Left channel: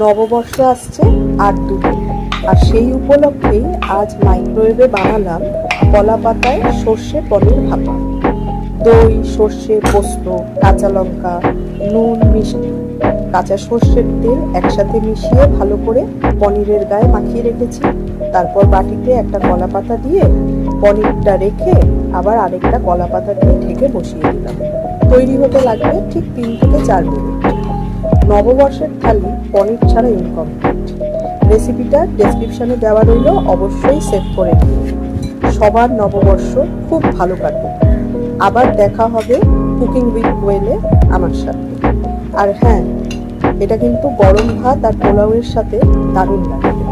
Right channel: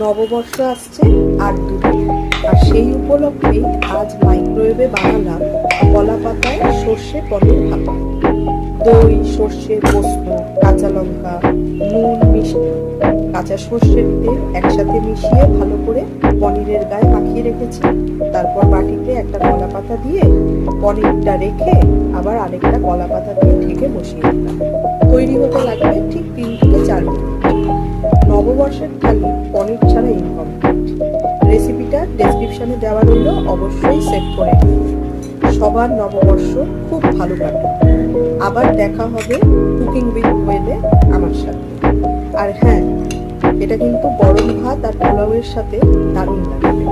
নববর্ষ আসছে আর দুদিন, আর সেই উপলক্ষেই আজ মাইক্রোওয়েভে বানালাম কলা পাতায় সর্ষে পনির ভাপা। দই, সর্ষে, পোস্ত, কাঁচা লঙ্কা, নুন, মিষ্টি, কাঁচা সর্ষের তেল একসাথে মিশিয়ে ভালো করে পনিরের গায়ে মাখিয়ে রেখেছি। তারপর বাটিতে একটা কলা পাতা দিয়ে পনিরটা রেখে আবার আরেকটা কলা পাতা দিয়ে ঢেকে বসিয়ে দিলাম। তৈরি হতে লাগবে ঠিক 3 থেকে 4 মিনিট। নববর্ষের থালি পনির ছাড়া ইনকমপ্লিট। রেসিপিটা ডেসক্রিপশনে দেওয়া রইল, অবশ্যই সেভ করে নিন। সবার নববর্ষ খুব ভালো কাটুক। আবার দেখা হবে কুকিং উইথ কোয়েলে আমার সাথে। আর হ্যাঁ, এটা কিন্তু গরম ভাত আর পোলাওয়ের সাথে দারুণ লাগবে।